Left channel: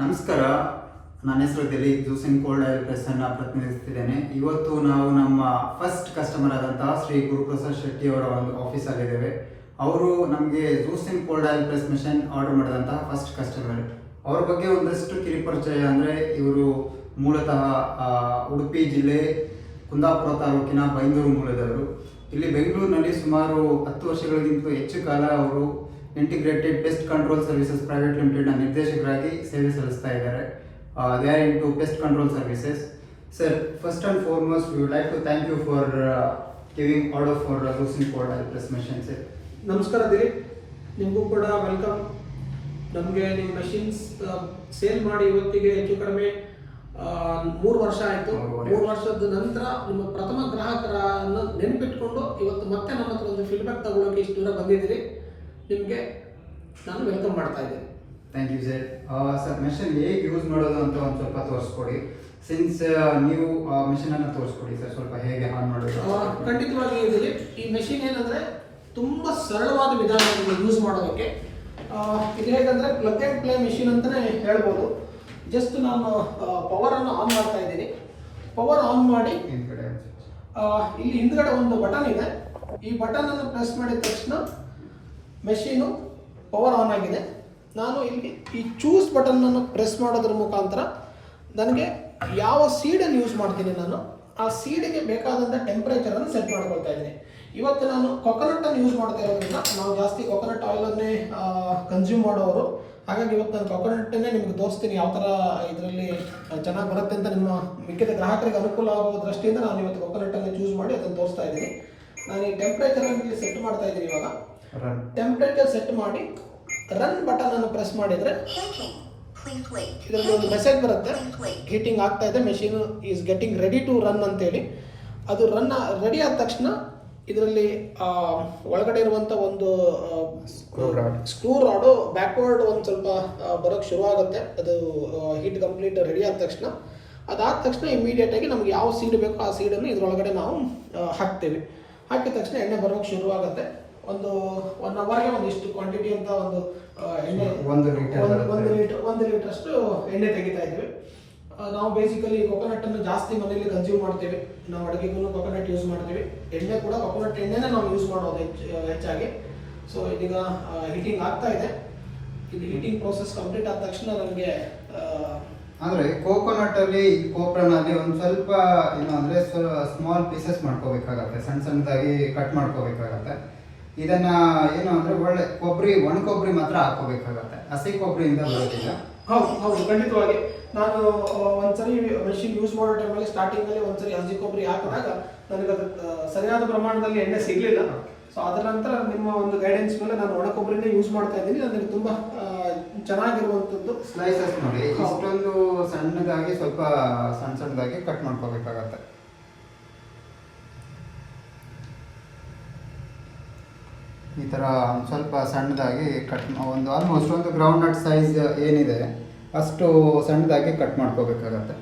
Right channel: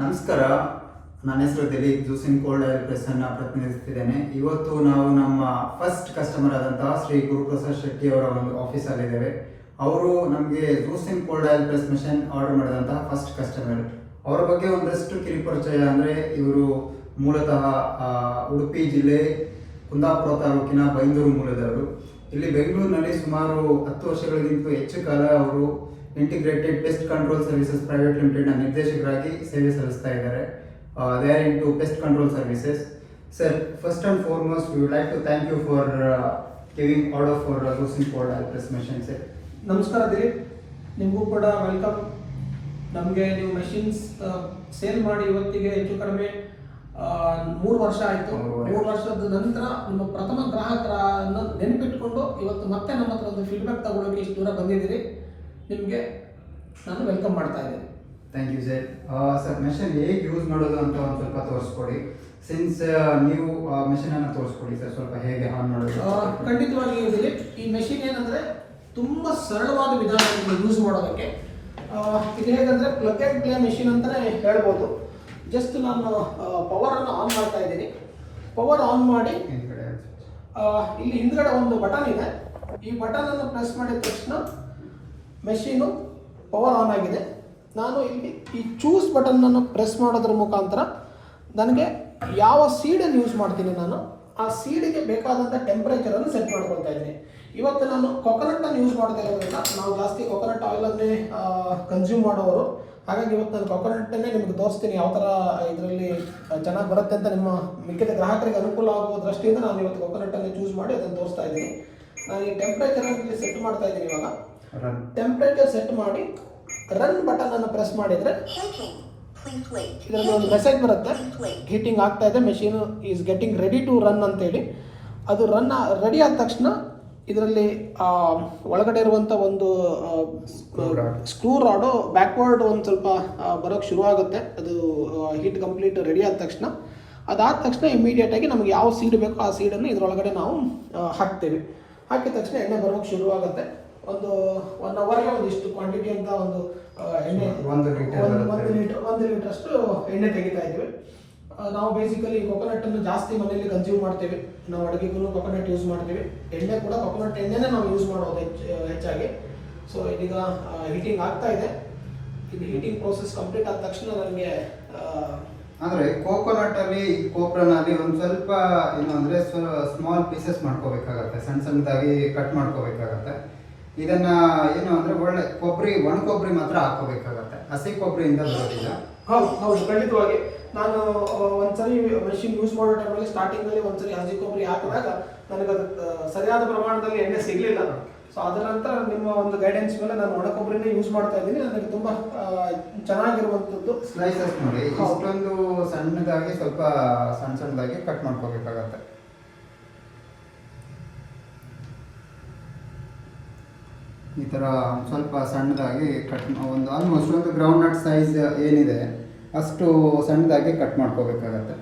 ನಮಸ್ಕಾರ, ನನ್ನ ಹೆಸರು ದಿಲೀಪ್. ಜ್ಯೂಸಿಂಗ್ ಕೋಲ್ಡ್ ಆಯಿಲ್ ಪ್ರೆಸ್ಸನ್ನು ಪ್ರತಿನಿಧಿಸ್ತಿದ್ದೇನೆ. ಇವತ್ತು ನಾವು ನಮ್ಮ ಫಸ್ಟ್ ಕಸ್ಟಮರ್ ಆದಂತಹ ಶ್ರೀ ಗುರುಪ್ರಸಾದ್ ಶೆಟ್ಟಿ ಅವರ ಒಂದು ಆಫೀಸಲ್ಲಿದ್ದೇವೆ. ಅವರು ನಮಗೆ juicing cold oil press machine order ಮಾಡಿದಂತಹ ಫಸ್ಟ್ ಕಸ್ಟಮರ್. ಅವರ ಬಗ್ಗೆ ಒಂದಷ್ಟು ಕಿರಿಪರಿಚಯ ಅಂದರೆ, ಇವರು ಮೂಲತಃ ಉಡುಪಿ ಜಿಲ್ಲೆ ಕುಂದಾಪುರ ತಾಲೂಕಿನ ಬೈಂದೂರು ಮೂಲದವರು. ಇಲ್ಲಿ ಬೆಂಗಳೂರಿನಲ್ಲಿ ಸುಮಾರು 10 ವರ್ಷಗಳಿಗಿಂತ ಹೆಚ್ಚು ಕಾಲ ಅವರು integrated pest control services private ಲಿಮಿಟೆಡ್ನ ನಿರ್ದೇಶಕರಾಗಿ ಸೇವೆ ಸಲ್ಲಿಸ್ತಾ ಇದ್ದಾರೆ. They are into pest control services. Sir, first and foremost, we would like to thank you for giving order for Lusing Cold Oil Press Machine, sir. ನಮಸ್ಕಾರ ದಿಲೀಪ್, ನಿಮಗೂ ಕೂಡ welcome. ನಮಗೆ ನೀವು ಮಷಿನ್ಸ್ ಸೇಲ್ ಮಾಡಿ ಇವತ್ತಿಗೆ ಹೆಚ್ಚು ಕಡಿಮೆ 3 ವರ್ಷ ಆಯಿತು. 3 ವರ್ಷದ ನಂತರ ನಮ್ಮ ಪ್ರಥಮ ಗ್ರಾಹಕರನ್ನು ನೆನಪಿಟ್ಕೊಂಡು ಇವತ್ತು ಮತ್ತೆ ನಮ್ಮ ಹತ್ರ ಒಂದು ಫೀಡ್ಬ್ಯಾಕ್ ತಗೊಳ್ಳೋಕೆ ಇಷ್ಟು ದೂರ ಬಂದಿದ್ದೀರಿ. ನಿಮಗೆ ನಾನು ವೆಲ್ಕಮ್ ಮಾಡ್ತಾ ಇದ್ದೇನೆ. Thank you sir. Sir, machine ಹೇಗೆ ಯೂಸ್ ಮಾಡೋದು ಅಂತ ಒಂದು ಸ್ವಲ್ಪ ತೋರಿಸ್ಕೊಡಿ. ಸಿನ್ಸ್ ನೀವು ಮೆಷಿನನ್ನು ತೋರಿಸ್ಕೊಡಿ ಸರ್, ಸ್ವಲ್ಪ ಹೇಗೆ ಆನ್ ಮಾಡೋದು. ಖಂಡಿತವಾಗಿ ಇದ್ದೀರಿ. ಈ ಮೆಷಿನ್ ಏನಂದರೆ ತುಂಬ ಸರಳವಾದ ವಿಧಾನವನ್ನು ಯೂಸ್ ಮಾಡೋದಕ್ಕೆ. ಇದು ಹೇಗಂದರೆ ಪ್ಲಗ್ ಆ್ಯಂಡ್ ಪ್ಲೇ ಮೆಷಿನ್ ಅಂತಲೇ ಹೇಳ್ಬೋದು. ಜಸ್ಟ್ ನಾನು ಪವರನ್ನು ಆನ್ ಮಾಡ್ತಾ ಇದ್ದೀನಿ. ಪವರ್ ಆನ್ ಮಾಡಿ ಇಲ್ಲಿ ಹಿಂದ್ಗಡೆ ಒಂದು ಬಟನ್ ಇದೆ. ಈ ಬಟನನ್ನು ಪ್ರೆಸ್ ಮಾಡಿದ ತಕ್ಷಣ ಮೆಷೀನು ಪವರ್ ಆನ್ ಆಗಿದೆ. ನಾನು ಇಲ್ಲಿ ಈ ಚೂಸ್ ಬಟನ್ನನ್ನು ಪ್ರೆಸ್ ಮಾಡೋದ್ರ ಮುಖಾಂತರ ನನಗೆ ಯಾವ ಸೀಡನ್ನು ಯೂಸ್ ಮಾಡ್ತೀನಿ, ನಾನು ಆ ಸೀಡಿಗೆ ಬೇಕಾದಂಥ ಟೆಂಪ್ರೇಚರನ್ನು ಸೆಟ್ ಮಾಡ್ಕೊಳ್ತಾ ಇದ್ದೀನಿ. ಇವತ್ತು ನಾನು ಕೊಕೊನಟ್ಟನ್ನು ಯೂಸ್ ಮಾಡ್ತಾ ಇರೋದ್ರಿಂದ ನಾವು ಜಾಸ್ತಿ ಕೊಕೊನಟ್ ಆಯಿಲನ್ನೇ ಕನ್ಸ್ಯೂಮ್ ಮಾಡೋರು. ಹಾಗಾಗಿ ಇವತ್ತು ನಾನು ಕೊಕೊನಟ್ಟನ್ನೇ ನಿಮಗೆ ತೋರಿಸ್ತೀನಿ, ಯಾವ ಥರ ಇದರಲ್ಲಿ ಚೆನ್ನಾಗಿ ಬರುತ್ತೆ ಅಂತ. ನಿಮ್ಮ ಮಿಕ್ಕಿದ ಗ್ರಾಹಕರಿಗೆ ಅನುಕೂಲ ಆಗುವ ದೃಷ್ಟಿಯಿಂದ ನಾನು ಇವತ್ತು ಕೊಕೊನಟ್ಟನ್ನು ಚೂಸ್ ಮಾಡಿ ಅದನ್ನು ತೋರಿಸ್ತಾ ಇದ್ದೀನಿ. ನಾನು ಈ ಟೆಂಪ್ರೇಚರನ್ನು ಸೆಟ್ ಮಾಡ್ತಾ ಇದ್ದೀನಿ. ಇವಾಗ ಟೆಂಪ್ರೇಚರ್ ಸೆಟ್ ಮಾಡಿ ರನ್ ಬಟನ್ ಅನ್ನು ಪ್ರೆಸ್ ಮಾಡಿದರೆ ಇದರಲ್ಲಿ ಒಂದು ಮೆಸೇಜ್ ಬರುತ್ತೆ, ಹೀಟಿಂಗ್ ಆಗ್ತಾ ಇದೆ, machine is getting ready to run ಅಂತೇಳಿ. ಅದು ರನ್ ರೆಡಿ ಆದ ತಕ್ಷಣ ಇದರಲ್ಲಿ ಒಳಗಡೆ ಇರುವಂಥ ಒಂದು ಸ್ಕ್ರೂ ರಾಡು ಬ್ಯಾಕ್ವರ್ಡ್ ಒಂದು ಸ್ವಲ್ಪ ಬರೋಕ್ಕೆ ಶುರುವಾಗುತ್ತೆ. ಅದು ಹೀಟ್ ಕಂಪ್ಲೀಟ್ ರೆಡಿ ಆದ ತಕ್ಷಣ, ಅದಾದ ತಕ್ಷಣ ಇಮಿಡಿಯೇಟಾಗಿ ನಮ್ಗೆ ಯಾವ ಸೀಡ್ ಬೇಕೋ ಆ ಸೀಡನ್ನು ಇದರೊಳಗಡೆ ನಾವು ಹಾಕ್ತೇವೆ. ಹಾಕಿದ ತಕ್ಷಣ ಎಣ್ಣೆ ಬರೋಕ್ಕೆ ಶುರುವಾಗುತ್ತೆ. ಒಂದು 1 ಅವರ್ಗೆ ಒಂದಿಷ್ಟು ಕ್ವಾಂಟಿಟಿ ಅಂತ ಒಂದು ಎಣ್ಣೆ 1 ಲೀಟರ್ ಅಷ್ಟು ಎಣ್ಣೆ ತೆಗಿತಾ ಇದ್ವಿ. ನಾವು ಬೇಸಿಕಲಿ ಕೊಕೊನಟ್ಟನ್ನು ಜಾಸ್ತಿ ಮನೆಯಲ್ಲಿ ಕನ್ಸ್ಯೂಮ್ ಮಾಡ್ತೀವಿ. ನಾವು ಅಡುಗೆಗೂ ಕೊಕೊನಟ್ ಯೂಸ್ ಮಾಡ್ತೀವಿ. ಎಣ್ಣೆ ಕೂಡ ಕೊಕೊನಟ್ ಎಣ್ಣೆನೇ ನಾವು ಯೂಸ್ ಮಾಡೋದು ಹೆಚ್ಚಾಗಿ. ಸೊ ಇದೀಗ ಹೀಟಿಂಗ್ ಆಗ್ತಾ ಇದೆ. ಇದು ಹೀಟಿಂಗ್ ಪ್ರೋಸೆಸ್ ಕಂಪ್ಲೀಟ್ ಆದ ತಕ್ಷಣ ನನಗೆ ಅಂದರೆ ಕೋಕೋನಟ್ಟಲ್ಲಿ ಕೋಪ್ರನಲ್ಲಿ ಒಂದು ಸ್ವಲ್ಪ ಏನು ಅಂದರೆ ಸ್ಮಾಲ್ ಪೀಸಸ್ ಮಾಡ್ಕೋಬೇಕಾಗತ್ತೆ, ಸಣ್ಣದಾಗಿ ಕಟ್ ಮಾಡ್ಕೋಬೇಕಾಗತ್ತೆ. ಇದನ್ನು ಏನು ಅಂದರೆ ಒಳ್ಳೆ ಒಣ ಕೊಬ್ಬರಿ ಮಾತ್ರ ಹಾಕೋಬೇಕಾಗತ್ತೆ, ಹಸಿ ಕೊಬ್ಬರಿಯಿಂದ ಬರೋದಿಲ್ಲ. ಹೌದು ಖಂಡಿತವಾಗಿ. ನಾನು ಒಂದ್ಸರಿ ಮೆಷಿನ್ ಯೂಸ್ ಮಾಡೋ ಟೈಮಲ್ಲಿ ಸ್ಟಾರ್ಟಿಂಗಲ್ಲಿ ಒಂದ್ಸರಿ ಹಸಿ ಕೊಬ್ಬರಿ ಹಾಕಿದಾಗ ನನಗದು ಸರಿಯಾದ ಪ್ರಮಾಣದಲ್ಲಿ ಎಣ್ಣೆ ಸಿಗಲಿಲ್ಲ. ಸೊ ಅದರ ನಂತರ ನಿಮ್ಮ ಒಂದು ಗೈಡೆನ್ಸ್ ಮೇಲೆ ನಾನು ಒಣ ಕೊಬ್ಬರಿನೇ ಯೂಸ್ ಮಾಡ್ತಾ ಇದ್ದೀನಿ. ನನಗೆ ತುಂಬ ಚೆನ್ನಾಗಿರುವಂಥದ್ದು. ಸ್ಲೈಸಸ್ ನೋಡಿ, ಇಷ್ಟೊಂದು ಸಣ್ಣದಾಗಿ ಸ್ವಲ್ಪ ಸಣ್ಣದಾಗಿ ಕಟ್ ಮಾಡ್ಕೋಬೇಕಾಗತ್ತೆ. ಈ ಥರ ಸ್ವಲ್ಪ ಸಣ್ಣದಾಗಿ ಒಂದು ಆಲ್ಮೋಸ್ಟ್ ಒಂದು ಗ್ರೌಂಡ್ ನಟ್ ಸೈಜ್ ಏನಿದೆ ಅಷ್ಟು ಸಣ್ಣದಾಗಿ ಕಟ್ ಮಾಡ್ಕೋಬೇಕಾಗತ್ತೆ.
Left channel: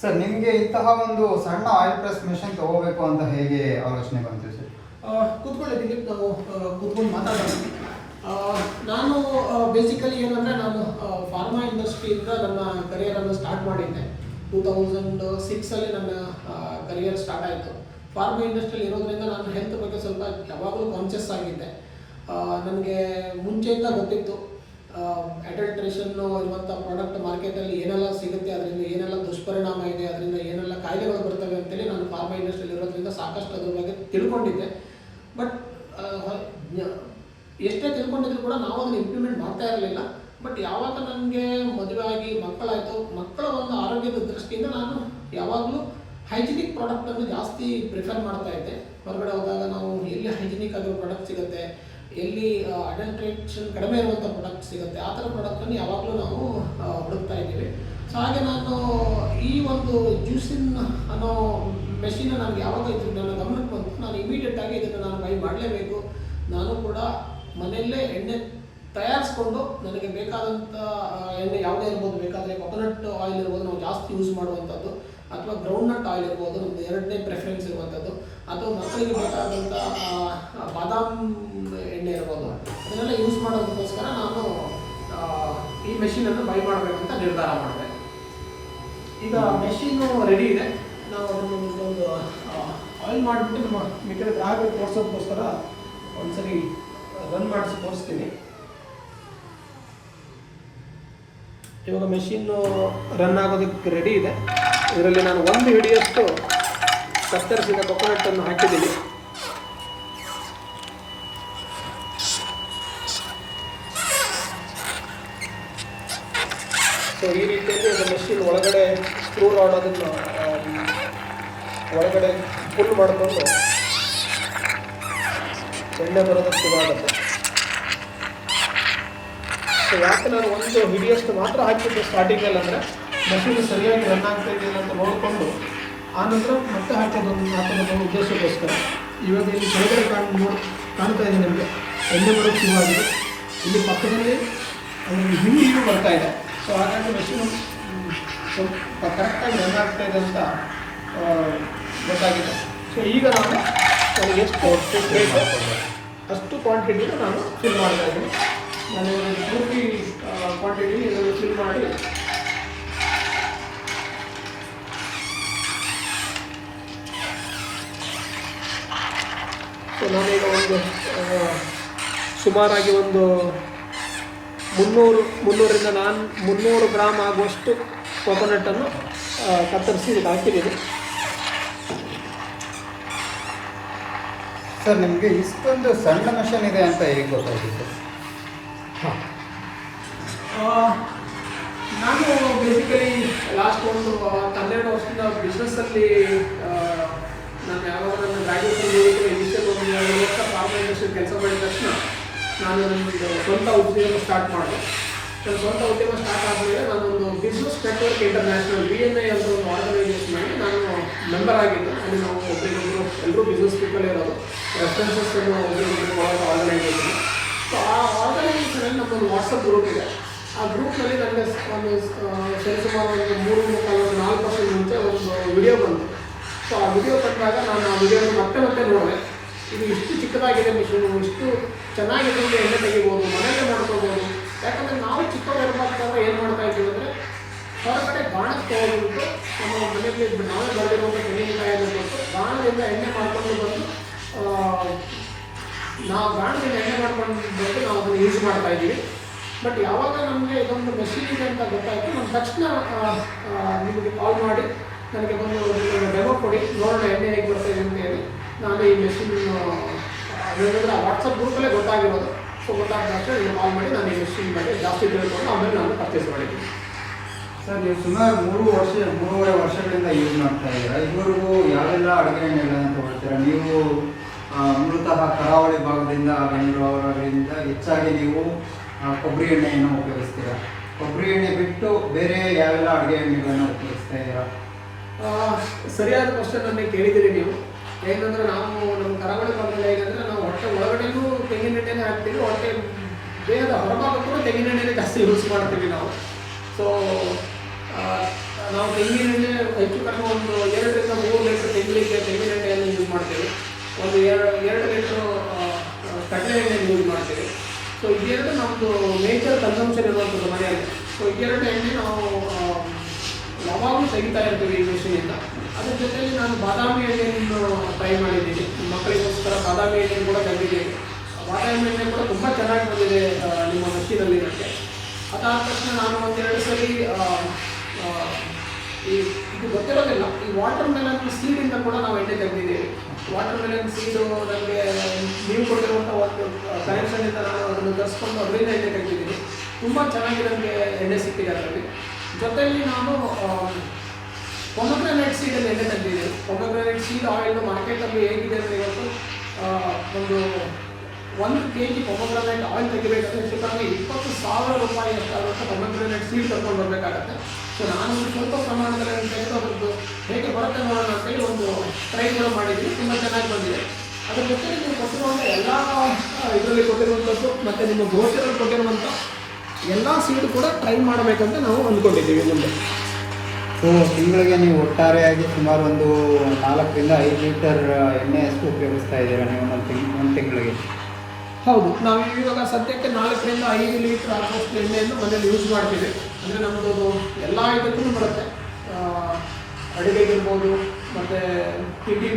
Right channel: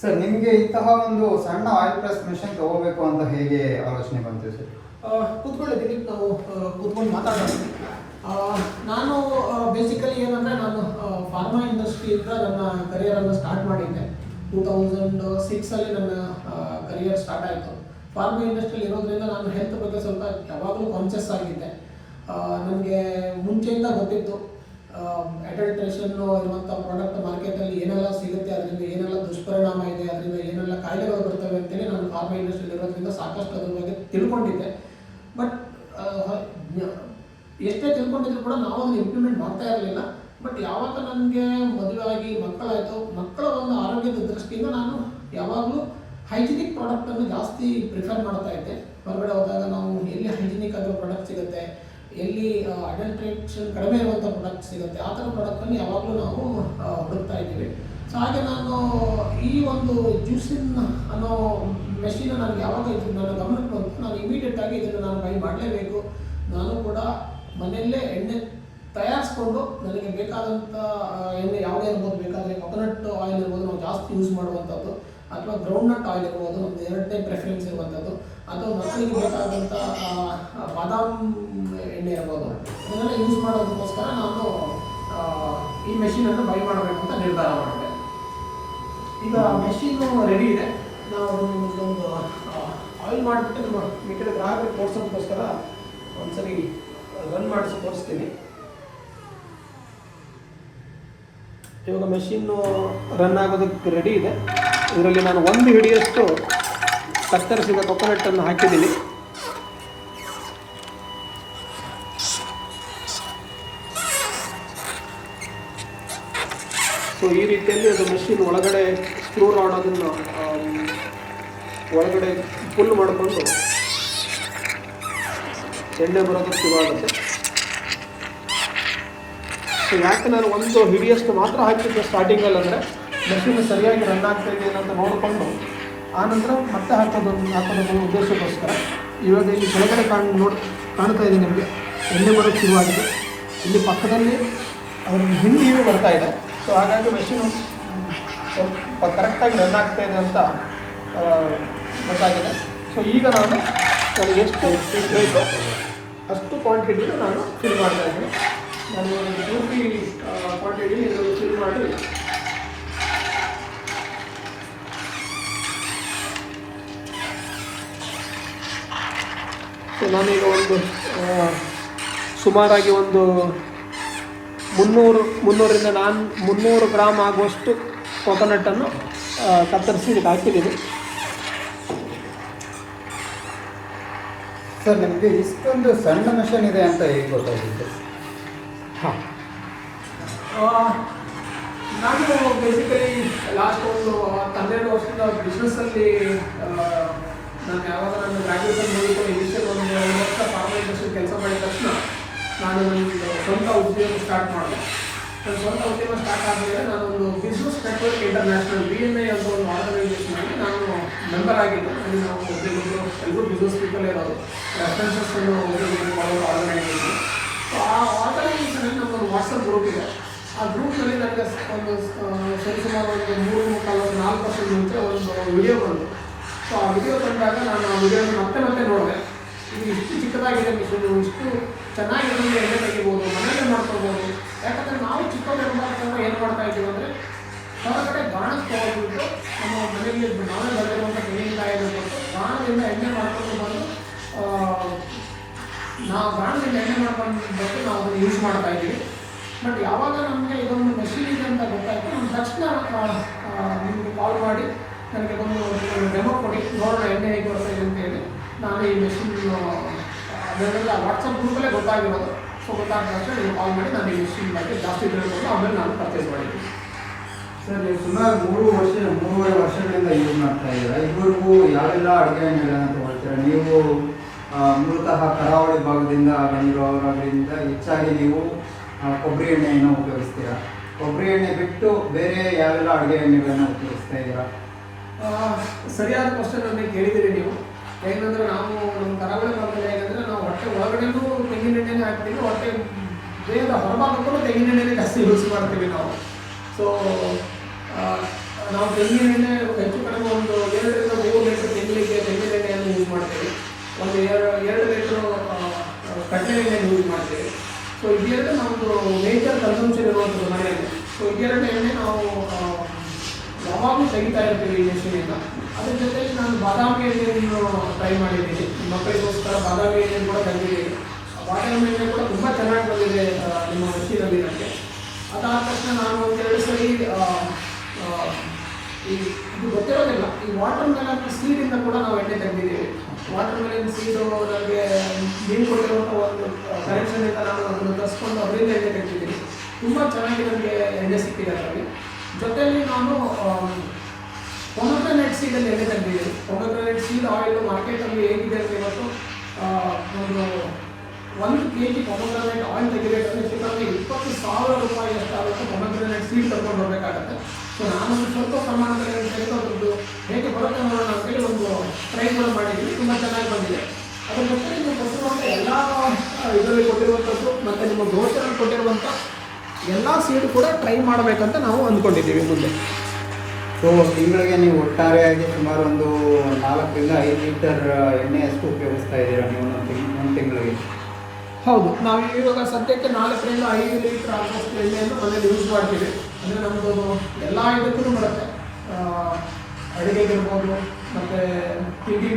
ಸರ್, ನಿಮಗೆ ಇಂತಹ ಒಂದು ಸಣ್ಣ ಆಯಿಲ್ ಪ್ರೆಸ್ ಮೆಷಿನ್ ತಗೋಬೇಕು ಅಂತ ಹೇಗೆ ಆಲೋಚನೆ ಬಂತು ಸರ್? ಕೂತ್ಕೊಳ್ಳಿ ದಿಲೀಪ್, ನಾವು ಕೂತ್ಕೊಂಡು ಮಾತಾಡೋಣ. ನಾನು ಬೇಸಿಕಲಿ ಏನಂದರೆ, ನಾನು ಫಾರ್ಮಾ ಇಂಡಸ್ಟ್ರಿಯಿಂದ ನನ್ನ ಕರಿಯರನ್ನು ಸ್ಟಾರ್ಟ್ ಮಾಡಿದ್ದೆ. 2006 ನನ್ನ ಕರಿಯರ್ ಸ್ಟಾರ್ಟ್ ಆಯಿತು. ಫಾರ್ಮಾ ಇಂಡಸ್ಟ್ರಿಯಲ್ಲಿ ಇರೋದ್ರಿಂದ ನಾನು ಹೆಲ್ತ್ ಬಗ್ಗೆ ಸ್ವಲ್ಪ ಯಾವಾಗಲೂ ಕಾನ್ಷಿಯಸ್ ಆಗಿದ್ದೆ. ನನಗೆ ಮುಂಚೆಯಿಂದ ಗೊತ್ತಿತ್ತು ಅಡಲ್ಟ್ರೇಷನ್ ಇರುವಂಥ ಪ್ರಾಡಕ್ಟ್ ಮಾರ್ಕೆಟಲ್ಲಿ ಏನೆಲ್ಲ ಸಿಗುತ್ತೆ, ಅದರಿಂದ ಏನೆಲ್ಲ ದುಷ್ಪರಿಣಾಮ ಇದೆ, ಅದರಿಂದ ಏನೆಲ್ಲ ಕಾಯಿಲೆಗಳು ಬರ್ತವೆ ಅಂತೇಳಿ ನಾನು ಫಾರ್ಮಾ ಇಂಡಸ್ಟ್ರಿಯಲ್ಲಿ ಇರೋದ್ರಿಂದ ಸಾಕಷ್ಟು ಅದ್ರ ಬಗ್ಗೆ ತಿಳ್ಕೊಂಡಿದ್ದೆ. ಬಟ್ ಎಷ್ಟೇ ತಿಳ್ಕೊಂಡಿದ್ರು ಕೂಡ ನಾವು ಅದನ್ನು ಇಂಪ್ಲಿಮೆಂಟ್ ಮಾಡ್ತಾ ಇರಲಿಲ್ಲ. ಬಟ್ ಯಾವಾಗ ನನಗೆ ಮದುವೆ ಆಗಿ ಮಕ್ಕಳಾಯಿತು, ಮಕ್ಕಳ ಒಂದು ಆರೋಗ್ಯದ ದೃಷ್ಟಿಯಿಂದ ನಾನು ಯಾವಾಗಲೂ ಹೈಜಿನಿಕ್ ಪ್ರಾಡಕ್ಟನ್ನು ಜಾಸ್ತಿ ಪ್ರಿಫರ್ ಮಾಡ್ತಾ ಇದ್ದೆ. ಹೊರಗಡೆ ಹೋದಾಗ ನಾವು ಎಲ್ಲಿ ಹೈಜಿನಿಕ್ ಆಗಿರೋ ಪ್ರಾಡಕ್ಟ್ ಸಿಗುತ್ತೆ, ಎಲ್ಲಿ ಅಡಲ್ಟ್ರೇಷನ್ ಕಡಿಮೆ ಇರುವಂಥ ಪ್ರಾಡಕ್ಟ್ ಸಿಗುತ್ತೆ, ಆ ಥರ ಪ್ರಾಡಕ್ಟನ್ನು ಯಾವಾಗಲೂ ನಾವು ಹುಡುಕ್ತಾ ಇದ್ದೀವಿ. ಸೊ ಹಾಗೆ ನಾನು ಈ ಒಂದು ಜ್ಯೂಸಿನ್ ಅನ್ನೋ ಮೆಷಿನ್ ನನಗೆ ಯಾವಾಗ ನನ್ನ ಗಮನಕ್ಕೆ ಬಂತು, ನಾನು ಇಮಿಡಿಯೇಟಾಗಿ ಇದನ್ನು ನಾನು ಬೈ ಮಾಡಲೇಬೇಕು. ನಾನು ಕೂಡ ಮನೆಯಲ್ಲೇ ಎಣ್ಣೆ ತಯಾರಿಸ್ಕೊಂಡು ನನಗೆ ಬೇಕಾದಂಥ ಎಣ್ಣೆ ಯಾವುದೇ ಇರ್ಬೋದು, ಬೇಕಾದರೆ ಕೊಕೊನಟ್ ಆಯಿಲ್ ಇರ್ಬೋದು, ನಾವು ಜಾಸ್ತಿ ಯೂಸ್ ಮಾಡುವಂಥದ್ದು, ಅಥವಾ ಗ್ರೌಂಡ್ನಟ್ ಆಯಿಲ್ ಇರ್ಬೋದು, ನಮ್ಮದು 2ನೇ ಪ್ರೆಫರೆನ್ಸ್ ಇರುವಂಥದ್ದು, ಅಥವಾ ಮಕ್ಕಳಿಗೆ ಬೇಕಾದಂಥ ಬಾದಾಮ್ ಎಣ್ಣೆ ಇರ್ಬೋದು, ಇದನ್ನೆಲ್ಲ ಯೂಸ್ ಮಾಡೋದಕ್ಕೋಸ್ಕರ ನಾನು ಮೆಷಿನನ್ನು ಬೈ ಮಾಡಬೇಕಂತ ನಿರ್ಧಾರ ಮಾಡಿದೆ. ಈಗ ಮೆಷಿನ್ನು ರೆಡಿ ಇದೆ. ನಾವು ಒಂದು ಆಯಿಲ್ ಮಾಡಿಬಿಟ್ಟು ನಮ್ಮ ಮಿಕ್ಕಿದ ಗ್ರಾಹಕರಿಗೆ ತೋರಿಸೋದಕ್ಕೋಸ್ಕರ ಒಂದ್ಸರಿ ರನ್ ಮಾಡಿಸಿ ತೋರಿಸ್ತೀನಿ. ಇವಾಗ ಮೆಷಿನ್ನು ರನ್ ಆಗೋದಕ್ಕೆ ರೆಡಿ ಇದೆ. ಇದರಲ್ಲಿ ನಾನು ಒಂದು ಹಿಡಿಯಷ್ಟು ಕತ್ತರಿಸಿದ ಕೊಕೊನಟ್ಟನ್ನು ಹಾಕಿದ್ದೀನಿ. ಸೊ ಈ ರೀತಿಯಲ್ಲಿ ಅದು ಮೆಷಿನ್ ಒಳಗಡೆ ಸ್ಕ್ರೂ ರಾಡ್ ಅದನ್ನು ಒಳಗಡೆ ಫುಲ್ ಮಾಡಿಕೊಂಡು ಎಣ್ಣೆ ಬರೋದಕ್ಕೆ ಶುರು ಆಗುತ್ತೆ. ಸೊ ಯಾಕೆ ನಾನು ಒಂದು ಹಿಡಿಯಷ್ಟು ಮಾತ್ರ ಹಾಕಿದ್ದೆ ಸ್ಟಾರ್ಟಿಂಗಲ್ಲಿ ಅಂದರೆ ಮೆಷಿನ್ ಸರಿಯಾಗಿ ರನ್ ಆಗ್ತಾ ಇದೆಯಲ್ಲ ಅಂತ ನೋಡಿಕೊಂಡು ಆನಂತರ ಮತ್ತೆ ಹಾಕೋದು ಉದ್ದೇಶಕ್ಕೋಸ್ಕರ. ಇವಾಗ ಇಲ್ಲಿ ಕೆಳಗಡೆ ಕಾಣ್ತಾ ಇದೆ ನಮಗೆ ಎಣ್ಣೆ ಬರೋಕ್ಕೆ ಶುರುವಾಗಿದೆ. ಇಲ್ಲಿ ಪಕ್ಕದಲ್ಲಿ ಅವ್ರಿಗೆ ಹಿಂದಿಯೂ ಬರ್ತಾ ಇದೆ. ಸೊ ಹಾಗಾಗಿ ಮೆಷಿನ್ ಸ್ವಲ್ಪ ಕರೆಕ್ಟಾಗಿ ರನ್ ಆಗ್ತಾ ಇದೆ ಅಂತ ಗೊತ್ತಾಗಿದೆ. ಸೊ ಈಗ ನಾನು ಎಷ್ಟು ಬೇಕು ಅಷ್ಟು ಕ್ವಾಂಟಿಟಿನ ನಾನು ಫಿಲ್ ಮಾಡ್ತಾ ಇದ್ದೀನಿ. ನಾನು ಇವಾಗ ಪೂರ್ತಿ ಕ್ವಾಂಟಿಟಿನ ಇದರಲ್ಲಿ ಫಿಲ್ ಮಾಡಿ ಸೊ ನಾನೀಗ ಒಂದು ಸುಮಾರಾಗಿ ಒಂದು 300 ಗ್ರಾಮ್ ಆಗುವಷ್ಟು ಕೊಕೊನಟ್ಟನ್ನು ಕತ್ತರಿಸಿ ಇದಕ್ಕೆ ಹಾಕಿದ್ದೀನಿ. ಸರ್ ನಿಮಗೆ ಇಷ್ಟೊಂದು ಸಣ್ಣ ಮಿಷನ್ ಇದೆ ಅಂತ ಹೇಗೆ ಗೊತ್ತಾಗಿತ್ತು? ಹಾಂ, ನಾನು ಬೇಸಿಕಲಿ ಲಾಸ್ಟ್ ಒಂದು 12 ವರ್ಷದಿಂದ ಬಿಸ್ನೆಸ್ಸಲ್ಲಿ ನಾನು ಯಾವಾಗ ನನ್ನ ಗ್ರ್ಯಾಜುಯೇಷನ್ ಓದಿಕೊಂಡು ಇನಿಷಿಯಲ್ ಒಂದು 2 ವರ್ಷ ಫಾರ್ಮಾ ಇಂಡಸ್ಟ್ರಿ ಕೆಲಸ ಮಾಡಿದ ತಕ್ಷಣ ನಾನು ನನ್ನ ಸ್ವಂತ ಉದ್ಯಮ ಸ್ಟಾರ್ಟ್ ಮಾಡಿದೆ. ನನ್ನ ಸ್ವಂತ ಉದ್ಯಮ ಸ್ಟಾರ್ಟ್ ಆದಮೇಲೆ ನಾನೊಂದು ಬಿಸ್ನೆಸ್ ನೆಟ್ವರ್ಕ್ ಇಂಟರ್ನ್ಯಾಷನಲ್ BNI ಅಂತ ಒಂದು ಆರ್ಗನೈಸೇಷನಲ್ಲಿ ನಾನು ಮೆಂಬರ್ ಆಗಿದ್ದೆ. ಅಲ್ಲಿ ನಾವು ಒಬ್ಬರಿಗೊಬ್ಬರು ಎಲ್ಲರೂ ಬಿಸ್ನೆಸ್ ಪೀಪಲ್ ಇರೋದು ರೆಫರೆನ್ಸಸ್ಸನ್ನು ಒಬ್ಬರಿಗೊಬ್ಬರು ಆರ್ಗನೈಸೇಷನ್. ಸೊ ಆ ಆರ್ಗನೈಸೇಷನಲ್ಲಿ ನಮ್ಮೊಂದು ವಾಟ್ಸಪ್ ಗ್ರೂಪ್ ಇದೆ. ಆ ಗ್ರೂಪ್ನಲ್ಲಿ ನನಗೆ ಒಂದು ಸರಿಸುಮಾರು ಒಂದು 3-4 ವರ್ಷದ ಮುಂಚೆ ಒಂದು ವಿಡಿಯೋ ಬಂತು. ಸೊ ಆ ವಿಡಿಯೋ ಕಂಡಾಗ ನಾನು ಆ ವಿಡಿಯೋನ ಮತ್ತೆ ನೋಡಿದೆ. ಇದು ಇಷ್ಟು ಚಿಕ್ಕದಾಗಿದೆ ಮಿಷಿನು, ಇಷ್ಟು ಚೆನ್ನಾಗಿದೆ, ಎಣ್ಣೆ ತೆಗಿಬೋದು, ಮನೆಯಲ್ಲೇ ಮಾಡ್ಕೊಬೋದು. ಯಾಕಂದರೆ ನಾವು ಚಿಕ್ಕವರಿರ್ಬೇಕಾದ್ರೆ ಏನು ಮಾಡ್ತಾ ಇದ್ದೀವಿ ಅಂದರೆ ಹೊರಗಡೆ ಗಾಣಕ್ಕೆ ಹೋಗ್ಬಿಟ್ಟು ನಮ್ಮ ಮನೆಯಲ್ಲಿ ನಾವೇ ಬೆಳೆದಿರುವಂಥ ತೆಂಗಿನಕಾಯಿಯನ್ನು ಬಂದು ಗಾಣದಿಂದ ಎಣ್ಣೆ ಮಾಡ್ಕೊಂಡು ಬಂದು ನಾವು ಗಾಣದಿಂದ ಎಣ್ಣೆ ಮಾಡ್ಕೊಂಡು ಬಂದು ನಾವು ಅದನ್ನು ಯೂಸ್ ಮಾಡ್ತಾ ಇದ್ದೀವಿ. ಬಟ್ ಯಾವಾಗ ನಮಗೆ ಇದೊಂದು ಮೆಷಿನ್ ಇದೆ ಅಂತ ಗೊತ್ತಾಯಿತು, ನಮ್ಮ ತಕ್ಷಣ ನಿಮಗೆ ಕಾಲ್ ಮಾಡಿ ನನಗೆ ಬಂದು ಡೆಮೋ ಕೊಡಿ, ನೋಡೋಣ ಎಣ್ಣೆ ಹೇಗೆ ಬರ್ತಾ ಇದೆ ಅಂತ ಹೇಳಿ ನಾನು ಈ ಮೆಷಿನ್ ಅದೇನಂದರೆ ಆ ವಾಟ್ಸಪ್ ಗ್ರೂಪಲ್ಲೇ ಗೊತ್ತಾಗಿರೋದು. ಸೊ ಗೊತ್ತಾದ ತಕ್ಷಣ ನೀವು ಕಾಲ್ ಮಾಡಿ ನಾನು ಈ ಮೆಷಿನ್ ಬಗ್ಗೆ ಜಾಸ್ತಿ ತಿಳ್ಕೊಂಡು ಆಮೇಲೆ ನಾನು ಪರ್ಚೇಸ್ ಮಾಡಿದ್ದೀನಿ. ಸರ್ ನೀವು ಸುಮಾರು 3.5 ವರ್ಷಗಳಿಂದ ಯೂಸ್ ಮಾಡ್ತಾ ಇದ್ದೀರಾ. ಇದುವರೆಗೂ ಯಾವೆಲ್ಲ ಅಡುಗೆ ಎಣ್ಣೆಗಳನ್ನು ತಗೊಳ್ತೀರಾ? ನೀವು ಮೂಲತಃ ಕರಾವಳಿ ಭಾಗದಿಂದ ಬಂದಿರೋದ್ರಿಂದ ಹೆಚ್ಚಾಗಿ ನೀವು ಕೊಬ್ಬರಿ ಎಣ್ಣೆಯನ್ನು ಉಪಯೋಗಿಸ್ತೀರಾ. ಕೊಬ್ಬರಿ ಎಣ್ಣೆ ಬಿಟ್ಟು ಬೇರೆ ಯಾವೆಲ್ಲ ಅಡುಗೆ ಎಣ್ಣೆಗಳನ್ನು ಉಪಯೋಗಿಸ್ತಾ ಇದ್ದೀರಾ? ಸರಿಯಾದ ಕ್ವಶನ್ ನನಗೆ ಕೇಳಿದ್ದೀರಿ ನೀವು. ಏನಂದರೆ ನಾವು ನಮ್ಮ ಕರಾವಳಿ ಭಾಗದಲ್ಲಿ ಹೇಗೆಂದರೆ ನಾವು ಹೊಟ್ಟೆ ಒಳಗಡೆಯೂ ತೆಂಗಿನ ಎಣ್ಣೆನೇ ಹಾಕ್ತೀವಿ, ಹೊಟ್ಟೆ ದೇಹದ ಹೊರಭಾಗಕ್ಕೂ ತೆಂಗಿನ ಎಣ್ಣೆನೇ ಜಾಸ್ತಿ ಯೂಸ್ ಮಾಡ್ತೀವಿ ನಾವು. ಸೊ ನಾವು ತೆಂಗಿನ ಎಣ್ಣೆ ಹೆಚ್ಚು ಕಡಿಮೆ ಒಂದು 2-3 ಲೀಟ್ರ್ ತೆಂಗಿನ ಎಣ್ಣೆಯನ್ನು ಯೂಸ್ ಮಾಡ್ತೀವಿ. ಒಂದು 2 ಲೀಟ್ರ್ ಕಡಲೆ ಎಣ್ಣೆಯನ್ನು ಯೂಸ್ ಮಾಡ್ತೀವಿ. ಸೊ ಇದೆರಡು ನಮ್ಮದು ಮೇಜರ್ ಕನ್ಸಂಪ್ಷನ್ ಇರುವಂಥದ್ದು ಮನೆಯಲ್ಲಿ. ಸೊ ಇದೆರಡು ಎಣ್ಣೆ ನಾವು ಯಾವಾಗಲೂ ತೆಗಿತಾ ಇರ್ತೀವಿ ಈ ಮೆಷಿನಿಂದ. ಅದ್ರ ಜೊತೆಗೆ ನಾನು ಬಾದಾಮಿ ಎಣ್ಣೆಯನ್ನು ಟ್ರೈ ಮಾಡಿದ್ದೀನಿ, ಮಕ್ಕಳಿಗೋಸ್ಕರ ಬಾದಾಮಿ ಎಣ್ಣೆ ಕೂಡ ತಂದಿದ್ದೀನಿ. ಬಾದಾಮಿ ಎಣ್ಣೆ ಕೂಡ ತುಂಬ ಚೆನ್ನಾಗಿ ಬಂದಿದೆ ನಿಮ್ಮ ಮೆಷಿನಲ್ಲಿ ನನಗೆ. ಅದಾದ ತಕ್ಷಣ ನಾನು ಒಂದೆರಡು ಸರಿ ಇದು ಗೊತ್ತಿರೋದಿಲ್ಲ, ಈ ವಾಟರ್ ಮೆಲನ್ ಸೀಡಿಂದ ಕೂಡ ನಾವು ಎಣ್ಣೆ ತೆಗೆದಿದ್ದೀವಿ. ವಾಟರ್ ಮೆಲನ್ ಸೀಡು ನನಗೆ ನೀವು ಕೊಟ್ಟಿರುವಂಥ ಒಂದು ಕನೆಕ್ಷನಿಂದ ನಾನು ಅದನ್ನು ತರಿಸ್ಕೊಂಡು ಅದರಿಂದ ಎಣ್ಣೆ ತೆಗೆದಿದ್ದೀನಿ. ತುಂಬ ಚೆನ್ನಾಗಿ ನನಗೆ ಎಣ್ಣೆ ಸಿಕ್ಕಿದೆ ಅದರಲ್ಲಿ. ಜೊತೆಯಲ್ಲಿ ನಾನು ಪೊಮಗ್ರಾನೇಟ್ ಸೀಡಲ್ಲಿ ಎಣ್ಣೆ ತೆಗೆದಿದ್ದೀನಿ. ಪೊಮಗ್ರಾನೇಟ್ ಸೀಡ್ ಆಯಿಲ್ ಮಾರ್ಕೆಟಲ್ಲಿ ಹೇಗಿದೆ ಅಂದರೆ ಇವತ್ತು ಒಂದು kg ಪೊಮಗ್ರಾನೇಟ್ ಆಯಿಲ್ ತೆಗಿಬೇಕಂದ್ರೆ ಸುಮಾರು 20,000 ರೂಪಾಯಿ ಅಷ್ಟಾಗುತ್ತೆ. ಪೊಮಗ್ರಾನೇಟ್ ಸೀಡ್ ತಗೊಂಡು ಬರಬೇಕಾಗತ್ತೆ. ಸೊ ನಾನೊಂದು ಸ್ವಲ್ಪ ಪ್ರಮಾಣದಲ್ಲಿ ತೆಗೆದೋದ್ರದ್ದು ಹೇಗೆ ಬರುತ್ತೆ ನೋಡೋಣ ಅಂತೇಳಿ ಒಂದು ಟ್ರೈಗಳು ಮಾಡಿದ್ವಿ, ತುಂಬ ಚೆನ್ನಾಗಿ ಬಂದಿದೆ. ಅದ್ರ ಜೊತೆ ನೀವು ಕೊಟ್ಟಿರುವಂಥ ಎಲ್ಲ ಇದರಲ್ಲಿ ಕೊಟ್ಟಿರುವಂಥದ್ದು ಮತ್ತು ನಿಮ್ಮ ದೋಸೆಯಲ್ಲಿ ಕೊಟ್ಟಿರುವಂಥ ಎಲ್ಲ ಸೀಡ್ ಕೂಡ ಟ್ರೈ ಮಾಡಬೇಕಂತ ನಾವು ಅಂದ್ಕೊಂಡಿದ್ದೀವಿ. ಸೊ ತಿಂಗಳಿಗೆ ನೀವು ಒಟ್ಟಾರೆಯಾಗಿ ಸುಮಾರು ಒಂದು 4-5 ಲೀಟರ್ ಎಣ್ಣೆಯಷ್ಟು ಉಪಯೋಗಿಸ್ತಾ ಇದ್ದೀರಾ ನೀವು ಒಂದು ತಿಂಗಳಿಗೆ? ಹೌದು, ನಾವು ಇವಾಗ ಸದ್ಯಕ್ಕೆ 4-5 5 ಲೀಟ್ರ್ ಆಗುವಷ್ಟು ಎಣ್ಣೆಯನ್ನು ಮನೇಲಿ ಯೂಸ್ ಮಾಡ್ತೀವಿ. ಅಂದರೆ ನಮ್ಮದು ಎಲ್ಲ ಇದಕ್ಕೂ ಬರುತ್ತೆ, ಅಡುಗೆಗಿರ್ಬೋದು, ಮತ್ತು ತಿಂಡಿ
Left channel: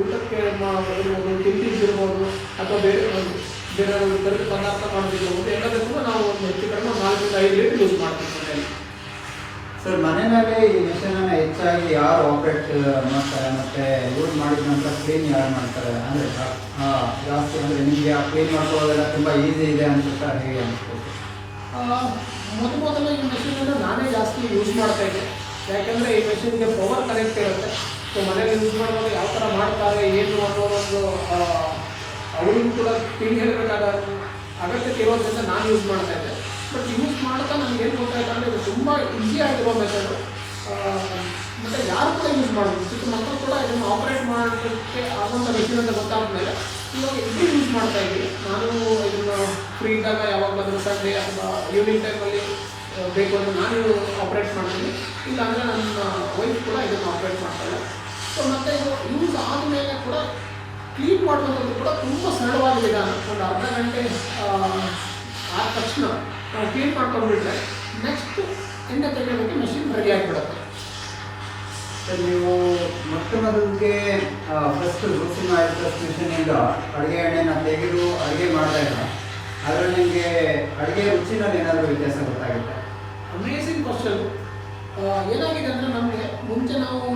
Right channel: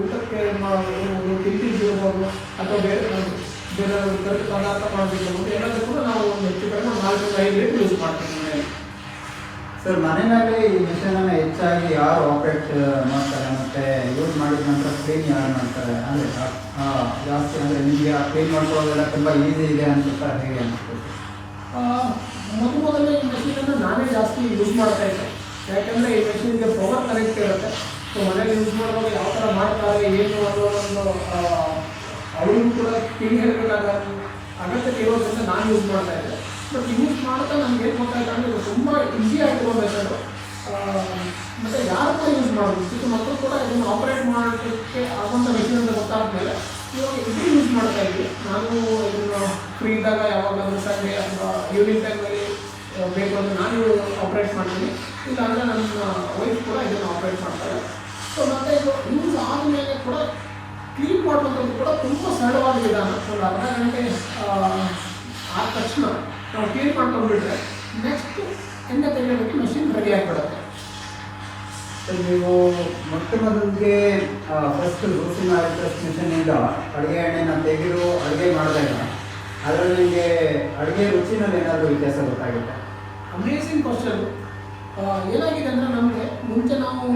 ಊಟಕ್ಕೆ ಇರ್ಬೋದು, ತಿಂಡಿಗಿರ್ಬೋದು, ಅಥವಾ ಬೇರೆ ಬೇರೆ ಪದಾರ್ಥ ಮಾಡೋದಿರ್ಬೋದು, ಎಲ್ಲದಕ್ಕೂ ನಾವು ಒಂದು ಹೆಚ್ಚು ಕಡಿಮೆ 4-5 ಲೀಟ್ರ್ ಯೂಸ್ ಮಾಡ್ತೀವಿ ಮನೆಯಲ್ಲಿ. ಸರ್, ಮನೆಯಲ್ಲಿ ಈ ಮಿಷನನ್ನು ಹೆಚ್ಚಾಗಿ ಯಾರು ಆಪ್ರೇಟ್ ಮಾಡ್ತಾರೆ ಮತ್ತು ಯೂಸ್ ಮಾಡಿದ ನಂತರ ಕ್ಲೀನ್ ಯಾರು ಮಾಡ್ತಾರೆ? ಅಂದರೆ ಜಾಸ್ತಿ ಅಂದರೆ ನಿಮಗೆ ಕ್ಲೀನ್ ಮಾಡ್ಕೊಳ್ಳೋದೆಲ್ಲ ತುಂಬ ಈಸಿ ಇದೆ ಅನ್ಸುತ್ತಾ, ಹೇಗೆ ಅನಿಸ್ತದೆ? ಮೊದಲು ಈ ಮೆಷಿನನ್ನು ನಾನೇ ಜಾಸ್ತಿ ಯೂಸ್ ಮಾಡ್ತಾ ಇದ್ದೆ. ಯಾಕೆಂದರೆ ಈ ಮೆಷಿನ್ಗೆ ಪವರ್ ಕನೆಕ್ಟ್ ಇರುತ್ತೆ. ಸೊ ಮನೇಲಿ ಯೂಸ್ ಮಾಡುವಾಗ ಯಾವ ಥರ ಮಾಡ್ತಾರೆ ಏನು ಅನ್ನೋ ಒಂದು ಅವರಿಗೂ ಕೂಡ ತಿಳಿ ಹೇಳಬೇಕಾದ ಅಗತ್ಯತೆ ಇರೋದ್ರಿಂದ ನಾನು ಯೂಸ್ ಮಾಡ್ತಾ ಇದ್ದೆ. ಬಟ್ ಯೂಸ್ ಮಾಡ್ತಾ ನಮ್ಗೆ ಏನು ಗೊತ್ತಾಯ್ತು ಅಂದರೆ ಇದು ತುಂಬ ಈಸಿ ಆಗಿರುವ ಮೆಥಡ್. ಮತ್ತು ಯಾರು ಕೂಡ ಯೂಸ್ ಮಾಡೋದು, ಚಿಕ್ಕ ಮಕ್ಕಳು ಕೂಡ ಇದನ್ನು ಆಪರೇಟ್ ಮಾಡೋದಕ್ಕೆ ಆಗುವಂಥ ಮೆಷಿನ್ ಅಂತ ಗೊತ್ತಾದ್ಮೇಲೆ ಇವಾಗ ಇದು ಯೂಸ್ ಮಾಡ್ತಾ ಇದ್ವಿ. ನಾನು ಇದನ್ನು ಫ್ರೀ ಇದ್ದಾಗ ಯಾವಾಗಲಾದರೂ ಸಂಡೇ ಅಥವಾ ಈವ್ನಿಂಗ್ ಟೈಮಲ್ಲಿ ಬೇಕು ಅಂದರೆ ನಾನು ಆಪ್ರೇಟ್ ಮಾಡ್ತೀನಿ, ಇಲ್ಲಾಂದರೆ ನನ್ನ ವೈಫ್ ಕೂಡ ಇದನ್ನು ಆಪ್ರೇಟ್ ಮಾಡ್ತಾರೆ. ಸೊ ಮತ್ತು ಇದು ಯೂಸ್ ಆದಮೇಲೆ ಕೂಡ ಕ್ಲೀನ್ ಮಾಡುವಂಥದ್ದು ಕೂಡ ತುಂಬ ಸರಳವಾದ ವಿಧಾನ. ಒಂದು ಅರ್ಧ ಗಂಟೆ ಆದ ತಕ್ಷಣ ನಾವು ಕ್ಲೀನ್ ಮಾಡ್ಕೊಂಡ್ಬಿಟ್ರೆ ನೆಕ್ಸ್ಟ್ ಎಣ್ಣೆ ತೆಗೆಯೋದಕ್ಕೆ ಮೆಷಿನ್ ರೆಡಿ ಆಗಿಬಿಡುತ್ತೆ. ಸರ್, ನೀವು ಮೊದಲಿಗೆ ಫಸ್ಟ್ ರೋಸಿಂಗ್ ಆಯಿಲ್ ಪ್ರೆಸ್ ಮಿಷನಿಂದ ಅಡುಗೆ ಎಣ್ಣೆನ ತೆಗೆದು ಅಡುಗೆ ಮಾಡಿದಾಗ ಅದರಲ್ಲಿ ನಿಮಗೆ ಅಡುಗೆ ರುಚಿನಲ್ಲಿ ಏನಾದರೂ ವ್ಯತ್ಯಾಸ ಗೊತ್ತಾಗುತ್ತೆ? Amazing question. ಏನಾಗಿದೆ ಅಂದರೆ ನಮಗೆ ಮುಂಚೆ ನಾವು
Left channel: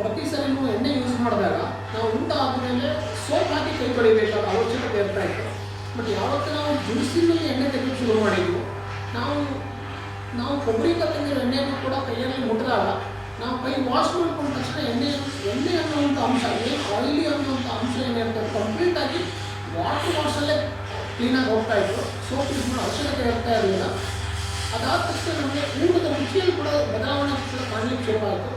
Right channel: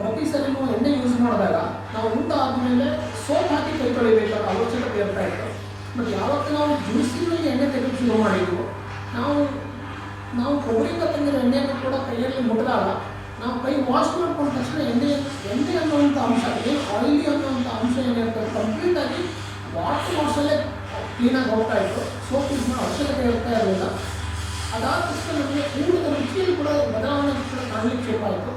ಪ್ರತಿ ಸರಿನೂ ಎಣ್ಣೆ ಯೂಸ್ ಮಾಡಿದಾಗ ನಾವು ಊಟ ಆದಮೇಲೆ ಸೋಪ್ ಹಾಕಿ ಕೈ ತೊಳಿಬೇಕಾದ ಅವಶ್ಯಕತೆ ಇರ್ತಾ ಇತ್ತು. ಬಟ್ ಯಾವತ್ತು ನಾವು ಜ್ಯೂಸಿನಲ್ಲಿ ಎಣ್ಣೆ ತೆಗೆದು ಶುರು ಮಾಡಿದ್ವು, ನಾವು ಕೊಬ್ಬರಿಂದ ತಂದಿರೋ ಎಣ್ಣೆಯನ್ನು ಕೂಡ ಕೈಯಲ್ಲಿ ಮುಟ್ಟಿದಾಗ ನಾವು ಕೈ ವಾಶ್ ಮಾಡ್ಕೊಂಡ ತಕ್ಷಣ ಎಣ್ಣೆ ಅನ್ನುವಂಥ ಅಂಶ, ಆಯಿಲಿ ಅನ್ನುವಂಥ ಅಂಶ ಏನಿರ್ತದೆ ಕಂಪ್ಲೀಟಾಗಿ ವಾಶಲ್ಲೇ ಕ್ಲೀನಾಗಿ ಹೋಗ್ತಾ ಇತ್ತು. ಸೋಪ್ ಯೂಸ್ ಮಾಡೋ ಅವಶ್ಯಕತೆ ಇರ್ತಾ ಇರಲಿಲ್ಲ. ಅದಾದ ತಕ್ಷಣ ನಮಗೆ ಊಟದ ರುಚಿಯಲ್ಲಿ ಕೂಡ ಬದಲಾವಣೆ ಕೂಡ ಕಾಣಲಿಕ್ಕೆ ಶುರುವಾಯಿತು.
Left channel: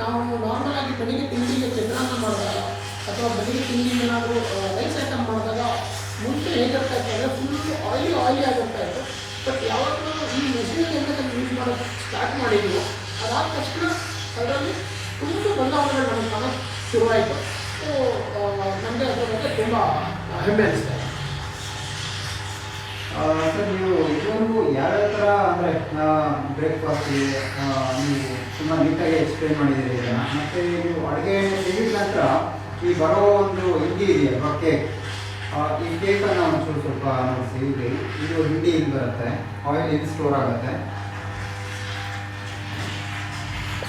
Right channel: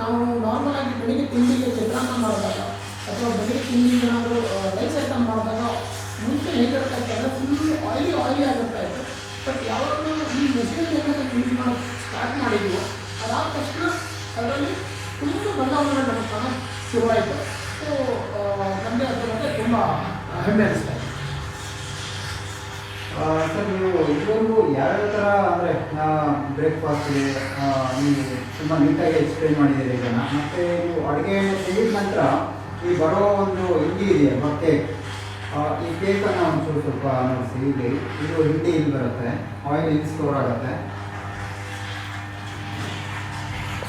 ನಾವು ನಾರ್ಮಲ್ ಆಗಿ ಬೆಳಿಗ್ಗೆ ತಿಂಡಿಗೆ ಚಿತ್ರಾನ್ನ ಮಾಡಿದಾಗ ಅಥವಾ ಬೆಳಿಗ್ಗೆ ತಿಂಡಿಗೆ ಏನಾದರೂ ರೈಸ್ ಐಟಮ್ ಮಾಡಿದಾಗ ಮುಂಚೆ ಹೇಗಿರ್ತಾ ಇತ್ತು ಅಂದರೆ ಫುಲ್ ಆಯಿಲಿ ಆಗಿರ್ತಾ ಇತ್ತು. ಬಟ್ ಯಾವಾಗ ನಾವು ಈ ಮೆಷಿನಲ್ಲಿ ಯೂಸ್ ಮಾಡೋದು ಸ್ಟಾರ್ಟ್ ಮಾಡಿದ್ವಿ, ಅದಾದ ತಕ್ಷಣ ಅದರಲ್ಲಿ ತುಂಬ ಬದಲಾವಣೆ ನಮಗೆ ಕಾಣೋಕ್ಕೆ ಶುರುವಾಯಿತು. ಸೊ ನಮಗೆ ಅದರ ಬಗ್ಗೆ ತುಂಬ ಹೆಮ್ಮೆ ಅನಿಸ್ತಾ ಇದೆ. ಸರ್, ನೀವು ಇದೊಂದು ಯಾವ್ಯಾವ ಥರ ಅಂದರೆ ಬ್ರೇಕ್ಫಾಸ್ಟ್ಗೆ ನೀವು ತುಂಬ ನೀಟಾಗಿ ಎಕ್ಸ್ಪ್ಲೇನ್ ಮಾಡಿದ್ದೀರಿ ಇದನ್ನು. ಮತ್ತು ನೀವು ಅಡುಗೆ ತೆಗೆದ ನಂತರ ಈ ಬರೋ ಒಂದು ಹಿಂಡಿ ಇದೆಯಾ ಕೇಕ್, ಈ ಕೇಕನ್ನು ಒಂಚೂರು ಸ್ವಲ್ಪ ನೋಡಿಸಿ. ಇದು ಹಿಂಡಿ ಇಲ್ಲಿ ಬರುತ್ತೆ, ಆಯಿಲ್ ಇಲ್ಲಿ ಸ್ಟೋರ್ ಆಗುತ್ತೆ.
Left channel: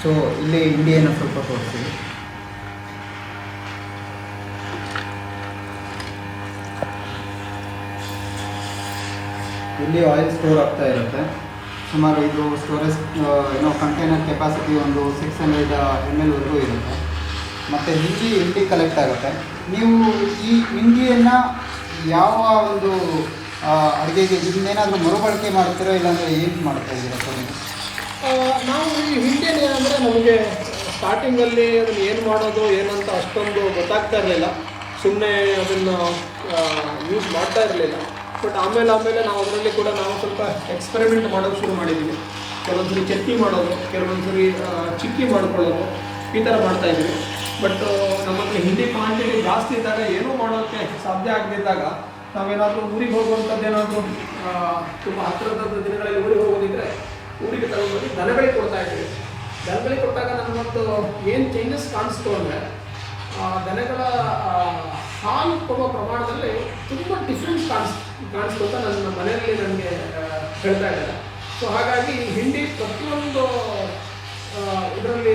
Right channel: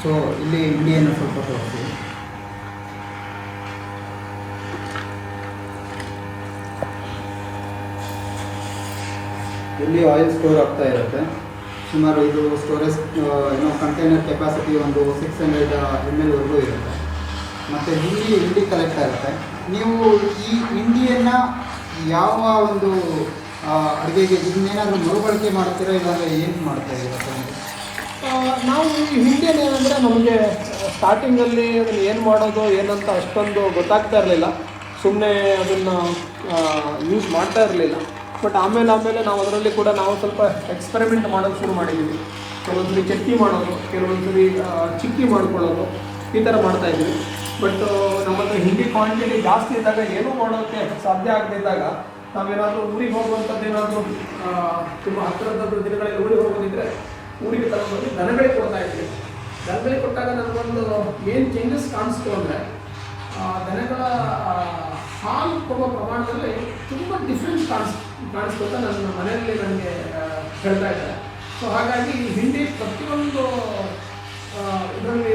ಸೊ ಇಲ್ಲಿ ಹಿಂಡಿಯನ್ನು ಸ್ವಲ್ಪ ತೋರಿಸಿ. ಇಲ್ಲಿ ಆಯಿಲ್ ಸ್ಟೋರ್ ಆಗ್ತಾ ಇರುತ್ತೆ. ಸುಮಾರು ಇದು ಸ್ಟೋರೇಜ್ ಕಂಟೈನರ್ ಕೆಪಾಸಿಟಿ ಒಂದು 600 ml ವರೆಗೂ ಇರುತ್ತೆ. ಮತ್ತು ಹಿಂಡಿ ಕಲೆಕ್ಟ್ ಆಗುತ್ತೆ. ನೀವು ಈ ಹಿಂಡಿಯನ್ನು ಯಾವ ಒಂದು ಅಡುಗೆಗೆ ಇದನ್ನೇನಾದರೂ ಮರುಬಳಕೆ ಮಾಡ್ತೀರೋ ಇಲ್ಲಾಂದರೆ ಏನು ಮಾಡ್ತಾ ಇದ್ದೀರಾ? ನಾವು ಈ ಹಿಂಡಿಯನ್ನು ಏನಂದರೆ ನಮಗೆ ಸ್ಟಾರ್ಟಿಂಗಲ್ಲಿ ಅದನ್ನು ಏನು ಮಾಡೋದು ಏನಂತ ಅಷ್ಟೊಂದು ಗೊತ್ತಾಗ್ತಾ ಇರಲಿಲ್ಲ. ಸುಮ್ಮನೆ ಅದನ್ನು ಯೂಸ್ ಮಾಡ್ತಾ ಇರಲಿಲ್ಲ. ಬಟ್ ಆಮೇಲೆ ನಾವು ಅದರಲ್ಲಿ ಕೂಡ ನಾವು ಸ್ವಲ್ಪ ಎಕ್ಸ್ಪೆರಿಮೆಂಟ್ ಮಾಡೋಕ್ಕೆ ಶುರು ಮಾಡಿದ್ದೀವಿ. ಕೆಲವೊಂದ್ಸರಿ ಚಟ್ನಿ ಮಾಡೋದು, ಕೆಲವೊಂದ್ಸರಿ ಚಿಕ್ಕಿ ಮಾಡ್ಕೊಳ್ಳೋದು, ಈ ಥರ ಮಾಡ್ತಾಯಿದ್ವಿ. ಬಟ್ ನಮ್ಮ ಹತ್ರ ಹಿಂಡಿ ಕ್ವಾಂಟಿಟಿ ಜಾಸ್ತಿ ಇದ್ದಾಗ ಏನೂ ಮಾಡೋಕ್ಕೆ ಸಾಧ್ಯ ಆಗದಿದ್ದಾಗ ನಾವೇನಾದರೂ ಊರಿಗೆ ಹೋಗುವಂಥದ್ದು ಏನಾದರೂ ತುಂಬ ಹತ್ತಿರದ ದಿನಗಳಲ್ಲಿ ಊರಿಗೆ ಹೋಗೋದಿದ್ದರೆ ಊರಿಗೆ ತಗೊಂಡೋಗಿ ದನಗಳಿಗೆ ಕೊಡ್ತಾ ಇದ್ದೀವಿ. ದನಗಳಿಗೆ ಕೊಟ್ಟಾಗ ನಮಗೊಂದು ಏನು ಚೇಂಜಸ್ ಕಾಣಿಸ್ತು ಅಂದರೆ ದನಗಳ ಹಾಲು ಕೊಡುವ ಪ್ರಮಾಣದಲ್ಲಿ ತುಂಬ ಡಿಫ್ರೆನ್ಸ್ ಕಾಣಿಸ್ತು ಅಂತ ನನ್ನ ಮನೆಯಲ್ಲಿ ನನಗೆ ಹೇಳ್ತಾ ಇದ್ದಾರೆ. ಸೊ ಹಾಗಾಗಿ ಹಿಂಡಿ ಪ್ರತಿಯೊಂದು ಇದರಲ್ಲಿ